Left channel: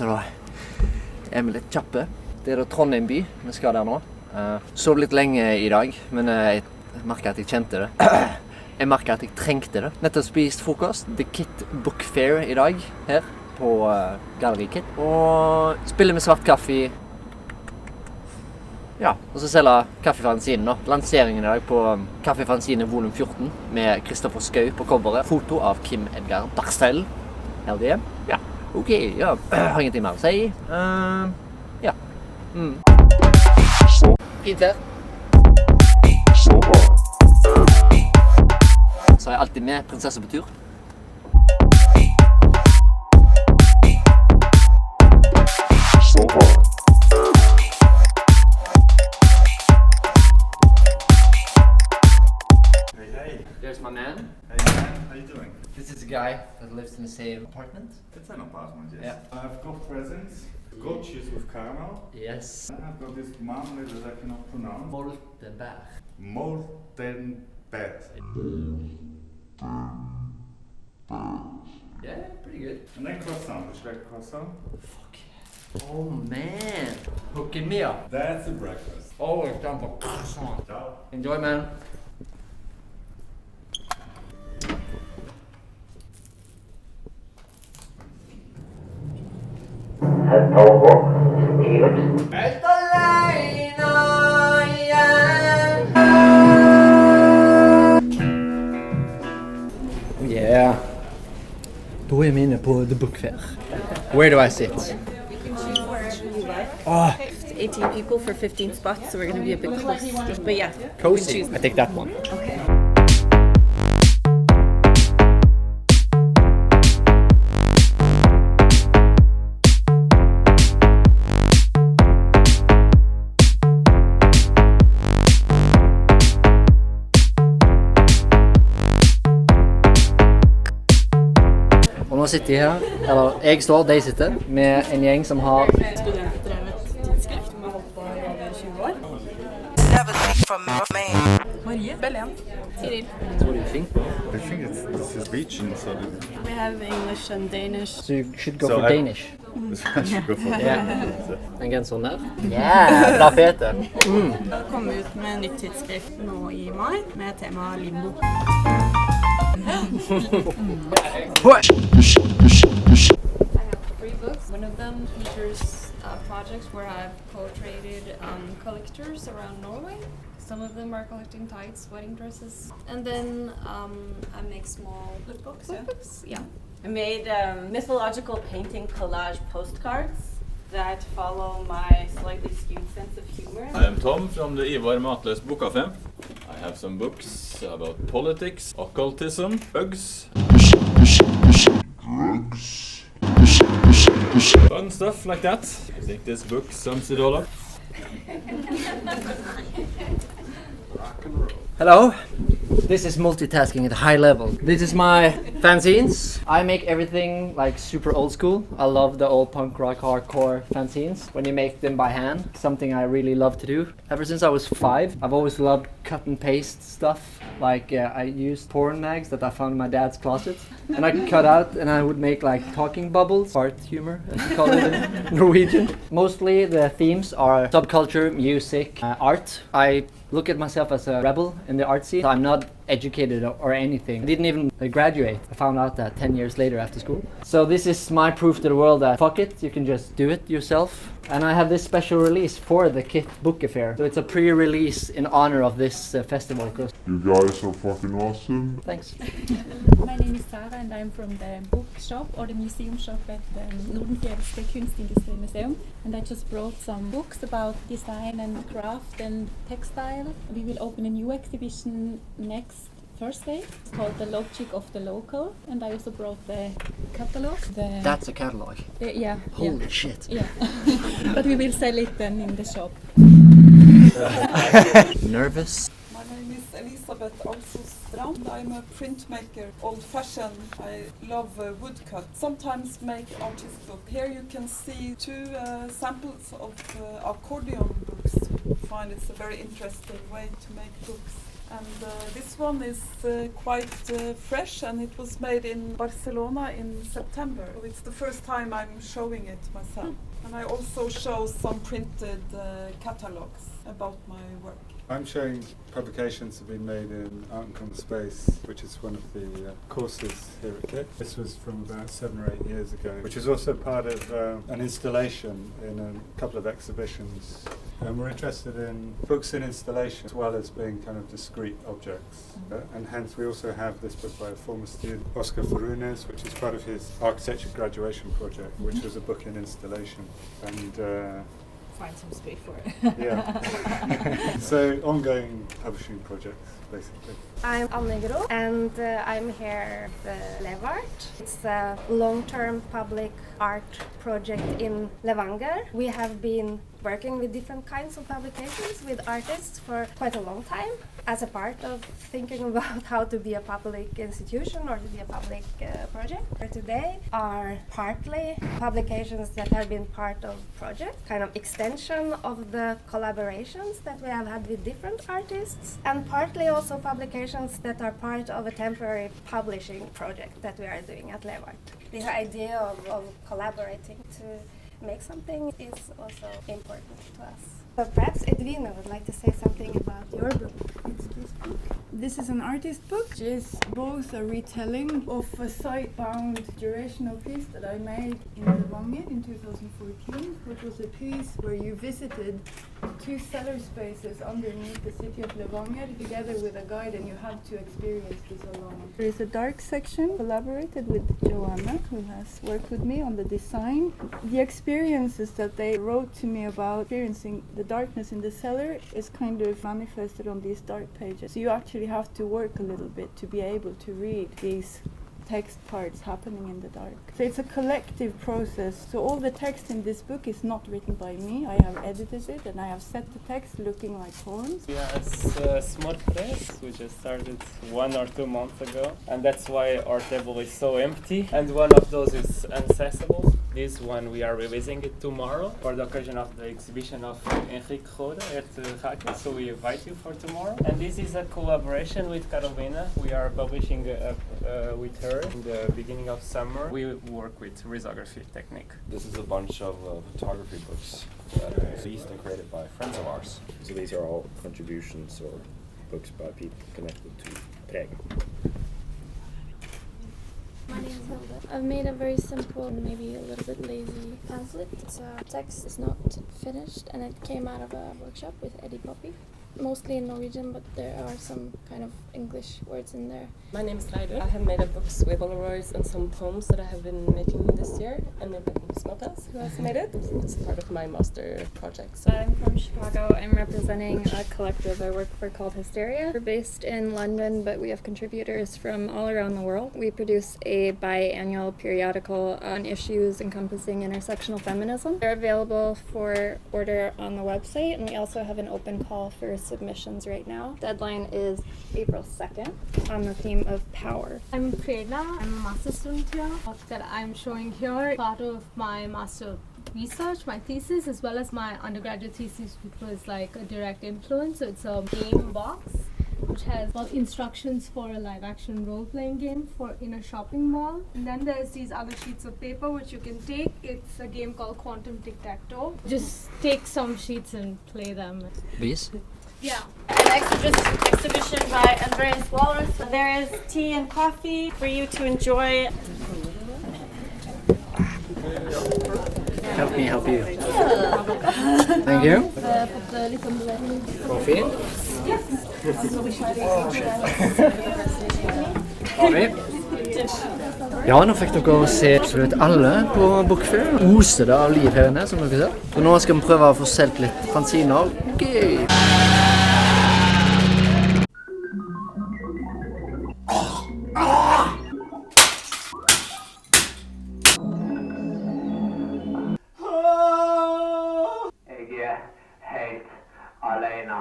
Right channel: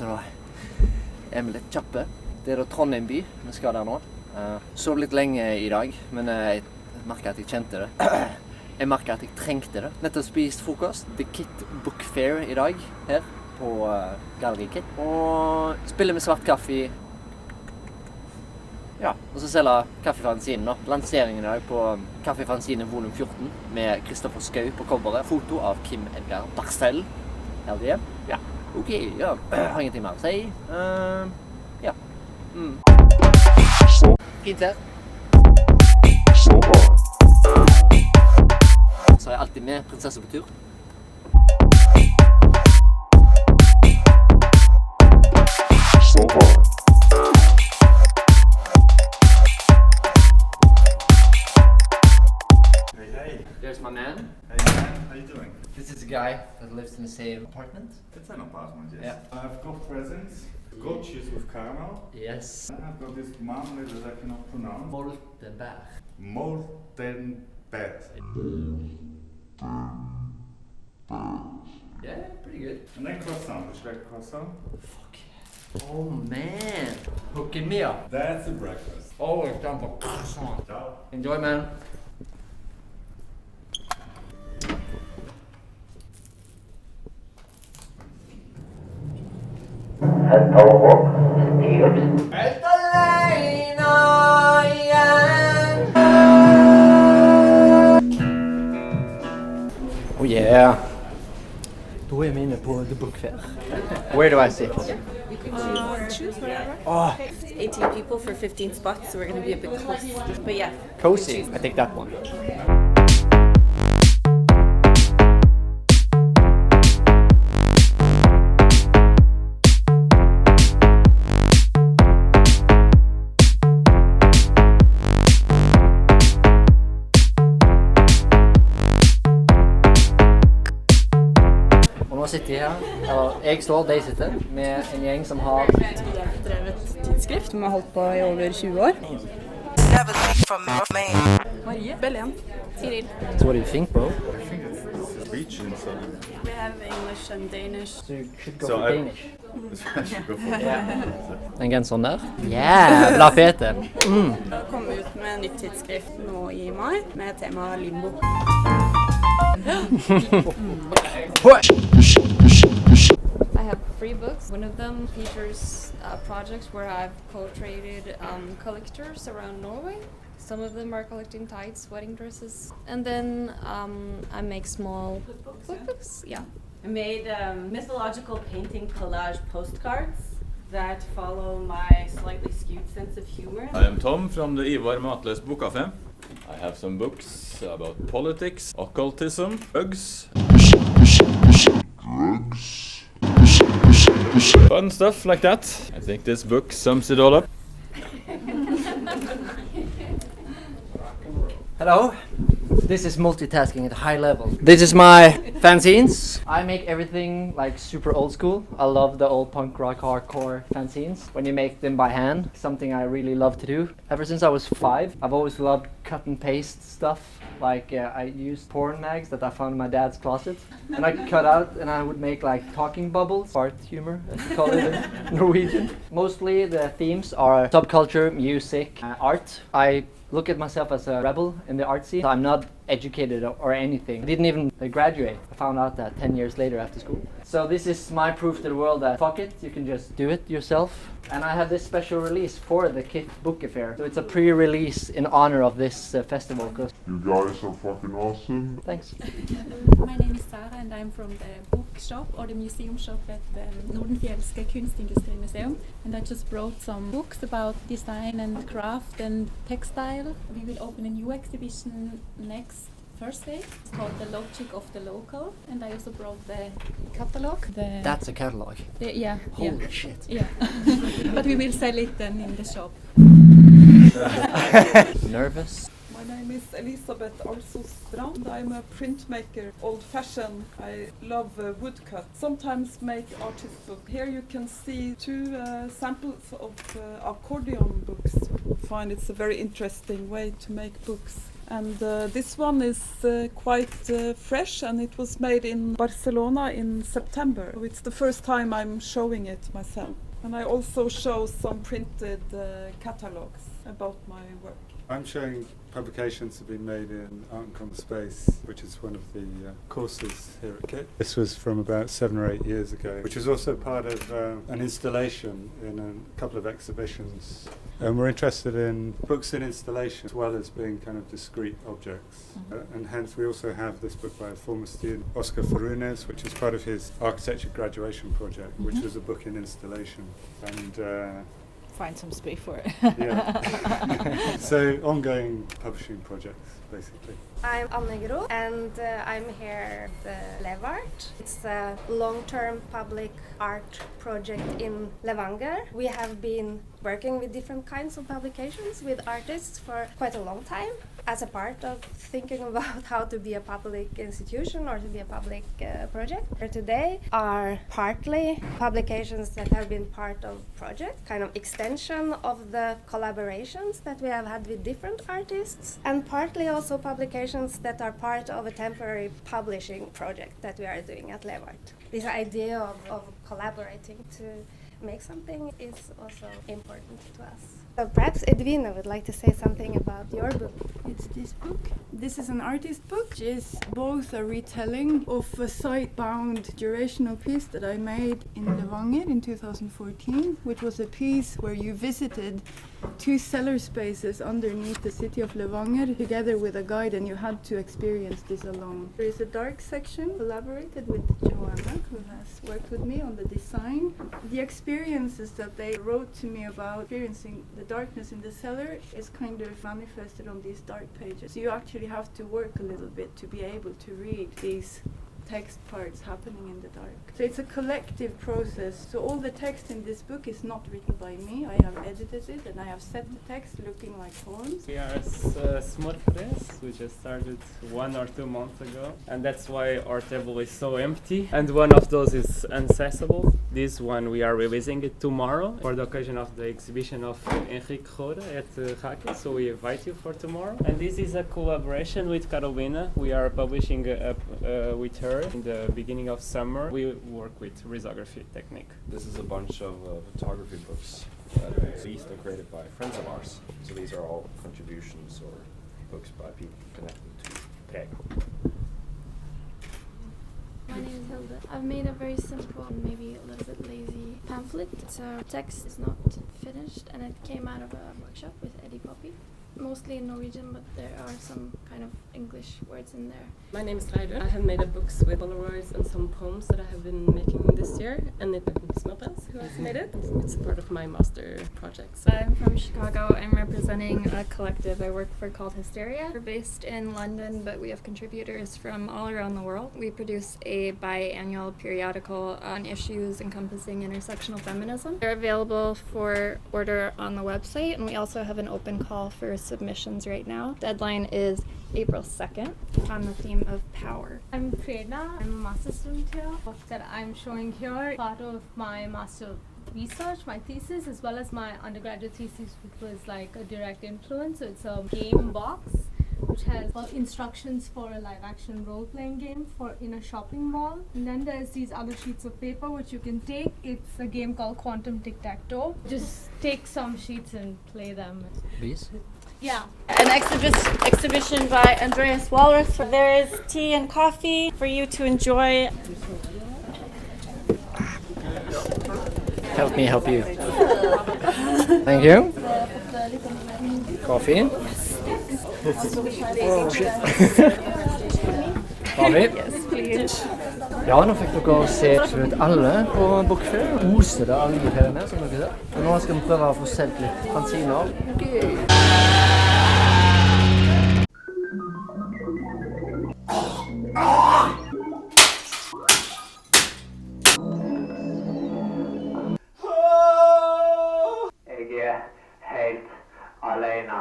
så da er vi litt kjappe. Det da Trondheim by, vi skal der nå. Sov litt lenge i dag, men jeg merket at jeg kjente det. Jeg merket at jeg trengte det. Nettopp spist frokost, The KiT Book Fair i dag, her på Galleri KiT. Og spiller med Svart Kaffi. Ja, og så selger Kaffi-fanzine nå. Lanseringen i dag på Kaffi-fanzine volum 14 med Kristoffer Skau på coveret. Foto av Kim Edgar Barstell. LDM. Ja, ok, ja. Har ingenting mer å si. Ja. Fint her. Så har jeg alltid med prinsesse på tur. There's my man. Hey man, how you doing? This is a guy that lives in the same apartment. It's an apartment, yes. Yeah. I've got presents. Goat cheese with caramel. Yes. I've got this marmalade that I cannot pronounce. Moltenberg. Moltenberg. Yeah, pretty good. And then croissant. Would you like croissant? Fuck yeah. Oh man. Hooking me up. That's a breakfast. Always down for croissant. Ciao. Enjoy, man. Helt alene igjen. Oh yeah. Da er vi inne på The Book Fair. Where do I sit? Oh, 18 people for 15 spots, so we're going to be a bit close. But yeah. cozy. I take that one. Nå sitter jeg her, eller jeg står, de sitter, med en gjeng som har Studentdrevet tidsskrift som har holdt på i over 20 år. Marie, Belen, Tiril. So what do you think, bro? I think this is beach in Southern. We have English and Danish. So you should go So for Danish. I should go for Den genseren der. Jævla fete. Det kom ut med nytt tidsskrift nå i mai med tema limbo. I have 3 books. One of them features projects where I've portraited collectors around Norway. Some of them are collecting tights, wedding dresses. And then I make small cookbooks. Yeah. I made mythological painting collage postcards that follow my slightly skewed sense of humor. I am Tom from the Ivar Matløs Bokcafé. I have some books about politics, occultism, drugs. Fun stuff like that. I think this book sums it all up. Hello. This is multitasking at a high level. This is my fanzines. I make everything like super old school. I love the old punk rock hardcore fanzines when you make them by hand. Something I really love to do. Ever since I was 5, I've always loved cut and paste stuff. Like I used porn mags that I found in my dad's closet. And I cut out and I would make like talking bubbles, fart humor as you call it in Norwegian. Mostly the themes are subculture, music, art. I look at myself as a rebel in the art scene. I'm not educated or anything. I didn't even graduate. I found out that 10 years later after school. So this is my proof to the world that fuck it, you can just do it yourself. And I have this special release for the KiT Book Affair. So it's a pre-release in honor of this festival. You guys are fucking awesome. Thanks. My name is Sarah and I'm from the bookshop or the museum shop at the Nordenfjelske Kunstindustrimuseum. And I just brought some books about design and craft and textile. We will open a new exhibition next Thursday. It's called The Logic of the Local. And I also brought the catalog. That's a catalog. Yeah. Holy shit. Yeah. But we will sell it then in the shop. Nervous? My name is Elisabeth also Strand. I'm a printmaker, old-fashioned. I love woodcut. Sometimes make artist book. Here you can see 2 samples of accordion books. I find it's a very interesting way to make books. And this one is quite fresh, and it was made in Barcelona in September. It's the first time I'm showing it myself. And I also show some printed catalogs about my work. I'm showing publications that have been made in Art and Common Space, which is one of the courses here at KiT. This was from about 7 or 8 years ago, which is also part of an installation in a couple of exhibitions. And we're interested in books in installation as well as being kind of discrete objects. And hence we also have this book by a former student, Oscar Farunes, which is part of his architecture graduation project, which was a book in installation. And find some space for it. yeah. So ongoing publishing projects, basically. I'm Anne and I'm here at Levere. It's a long-term public art project in Levanger. We have been working with different kinds of publications with artists for quite a long time as a part of thinking about how to be a public institution or to be a public project. For today are partly publications that have been part of project, kind of extension of the collaborations that we have had with different artists, and partly also publications that are part of a temporary publishing project that we are doing at Levere. The idea of collaborating to make something is also important to us. So perhaps Edwina would like to say something about your book. It's this book. This is an artist book. It is both a retelling of a site-bound durational piece that I made in Levanger in 2014, which was a piece where you visited 2 cellar spaces underneath the city of Levanger together with a guide, and you had to experience this alone. There is a dark section collaborated with Joanna, who has worked with me on the design. The experiences that they wrote to me about experiencing the darkness in the cellar is kind of manifested on these dark pages. So you actually have to work a little bit to be able to read these text parts happening in the dark. So it's a collective process. So all the text in this book is not written by me. I have edited it and I have set the text looking like poems. Yeah, it's a small press. We just started 1 or 2 months ago, and that's why our table is so empty. And one of those is inaccessible. This one we are releasing it tomorrow for the occasion of the exhibition of Enrique Roda at KiT. So we invite you for tomorrow. And this is a collaboration with Carolina. We are publishing with her in the beginning of summer. We work with risography technique. This is a bunch of photography books that are released and created by friends of ours. So these are all contributions or books by people connected to BREV. My name is Hilda. I've made a very simple, maybe a little bit lazy pamphlet. So text is not finished, and it came out of a workshop with Eddie Poppy. Mostly in Norwegian, but there are some kind of English words in there. My name is Reide. I have made up books with Polaroids and some poems that I have been making this year, and it's Smeltas who has made it. It's part of my master project. So. I'm from Chicago. I'm representing a collective I work for called Hysteria. We're based in London, but we have contributors from all around the world. We produce a biannual periodical on issues encompassing intersectional feminism. They're available for order on the website, and we also have an open call for submissions right now. Deadline is April 2nd on the theme of power. I'm Prerna. I'm a master student here. The book that I'm showing here, part of my master research, my thesis, as well as my undergraduate thesis, which was like a direct influence. So it's a game box which has instructions for a live action role-playing game for in a shopping mall. And then there's these other sheets of paper which you can take. It's a game called Quantum Tic-Tac-Toe. Just take some sheets and play them. These? Yeah. An exhibition by Andreas Walrath. There is tea and coffee for you to enjoy. Help me help you. Thank you. Coffee. Kaffe. Ja, nå fikk dere se absolutt alle på Bokfair. Oser det av liv her inne, som dere ser. Så nå skal vi prøve å få solgt litt fanziner. Okay. Jeg er helt alene.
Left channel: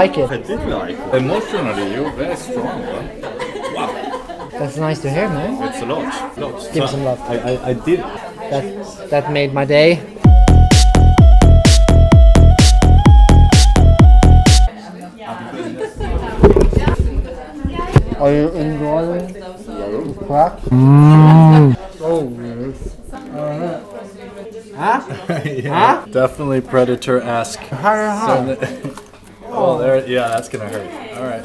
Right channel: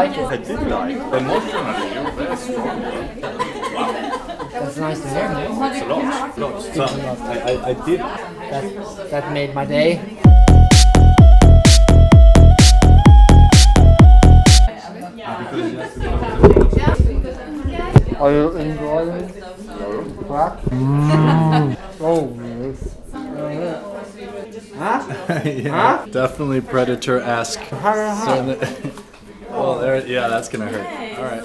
like it? I did like it. Emotionally, you're very strong. Wow. That's nice to hear, man. It's a lot. Give some love. I did. That made my day. Are you enjoying the crack? Oh, yes. Huh? Yeah, definitely predator-esque. Oh, there. Yeah, that's gonna hurt. All right.